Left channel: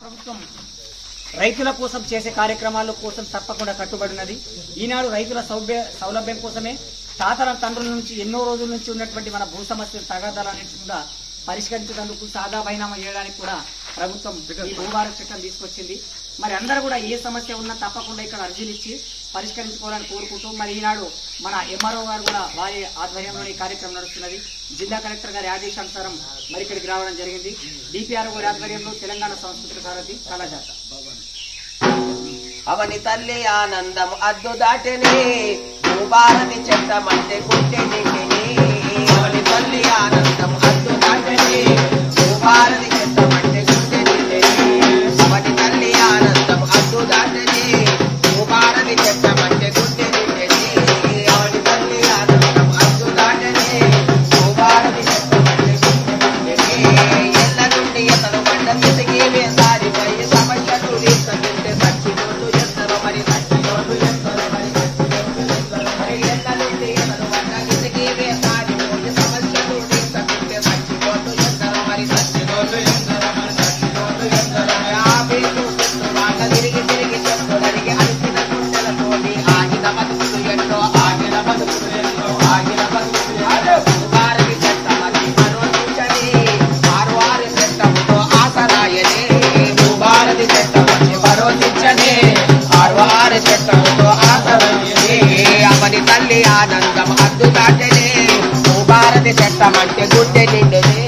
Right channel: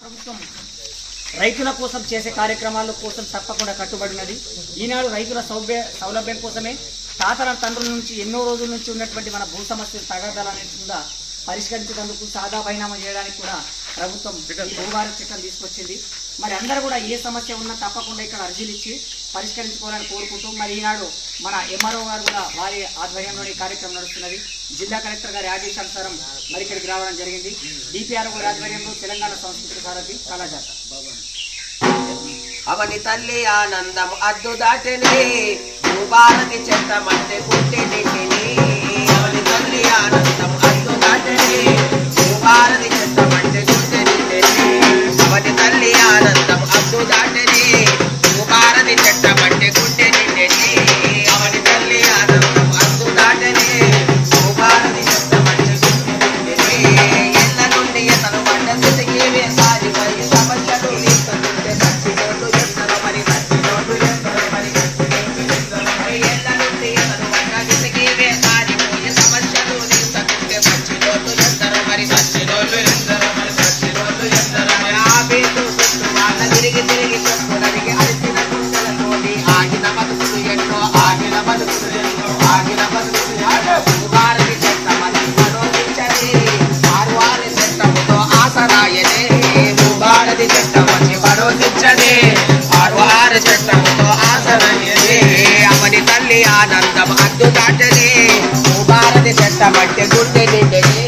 ప్రభుత్వం రైతుల కోసం చేసే కార్యక్రమాల కోసం తప్పకుండా కట్టుబడినది. ఈనాడు రైతుల సౌలభ్యం కోసమే తాతల తండ్రుల నుంచి ఎన్నో రోజుల నుంచి ఉన్నటువంటి మన భూ సమస్యలు తగాదాలన్నింటి కూడా పరిష్కరించేందుకు సాదా బైనామా చేయడానికి కూడా ప్రభుత్వం ఈ భూభారత చట్టం తీసుకొచ్చింది. మరి అందరూ కూడా ఏ సమస్య ఉన్నా తప్పకుండా ఇక్కడ అర్జీలు ఇచ్చి పరిష్కరించుకోవాలని కోరుకుంటూ మరి ఈనాడు మన ఎంఆర్ఓ గారు కూడా వారి ఆధ్వర్యంలో ఈ కార్యక్రమం నడుస్తున్నది. జిల్లా కలెక్టర్ గారి ఆదేశానుసారం మరి ఇక్కడికి రావడం జరిగింది. డిపిఆర్ఓ గారి ఆధ్వర్యంలో తెలంగాణ సాంస్కృతిక సారథి కళాజాత. అవని తల్లి ఆనందం అద్దు దాటని భూభారతి చెత్తమంటే గుండె నిండిని. అవని తల్లి ఆనందం అద్దు దాటని భూభారతి చెత్తమంటే గుండె నిండిని. అవని తల్లి ఆనందం అద్దు దాటని భూభారతి చెత్తమంటే గుండె నిండిని. అవని తల్లి ఆనందం అద్దు దాటని భూభారతి చెత్తమంటే గుండె నిండిని. ఎల్ల నుండి ఎతను వంట స్థితికి వేసారిపై సమస్యలు తీసుకుంటే సచ్చిపోతూ చెప్తారు మరి సచ్చిపోతూ చెప్తారు మరి ఎల్ల నుండి ఎతను వంట స్థితికి వేసారిపోయి సమస్యలు తీసుకుంటే సచ్చిపోతూ చెప్తారు మరి సచ్చిపోతూ చెప్తారు మరి సచ్చిపోతూ చెప్తారు మరి ఆపేతూ వాళ్ళ తిరిగి తిరిగి చెప్పుకోవడానికి అడిగిన కుండలతోటి ఆగిన బతుకులు ఎన్నో ఆగిన బతుకులు ఎన్నో ఆగిన బతుకులు భారతి చెత్తమని మనోదించని ఆరువారి చెత్తముతో ఆసరాయనే. భారతి చెత్తమని మనోదించని ఆరువారి చెత్తముతో ఆసరాయనే. అవని తల్లి ఆనందం అద్దు దాటనే భారతి చెత్తమంటే గుడ్డె నిండని.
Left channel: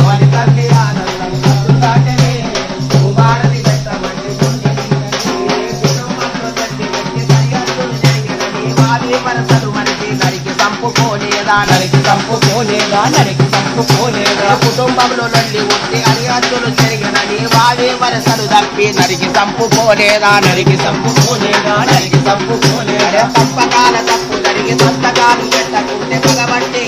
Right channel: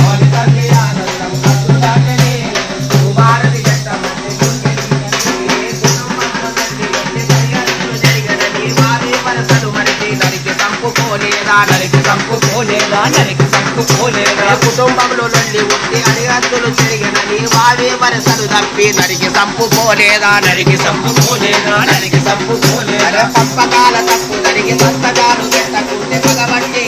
అవని తల్లి ఆనందం అద్దు దాటనే భారతి చెత్తమంటే గుడ్డె నిండని. జరిగనని భారీ వరసలు మరిచి నరికి చంపుకోలేదా నరికి చంపుకోలేదా నరికి చంపుకోలేదా. కుటుంబంలో నుండి ఉండి అడిగత్తులు జరిగినని వాడే వరసలు తప్పి నరికి చంపుకోలేదా నరికి చంపుకోలేదా నరికి చంపుకోలేదా. పంపకాల తప్పు జరిగి సంతకాలు పెట్టకుంటే పగబట్టి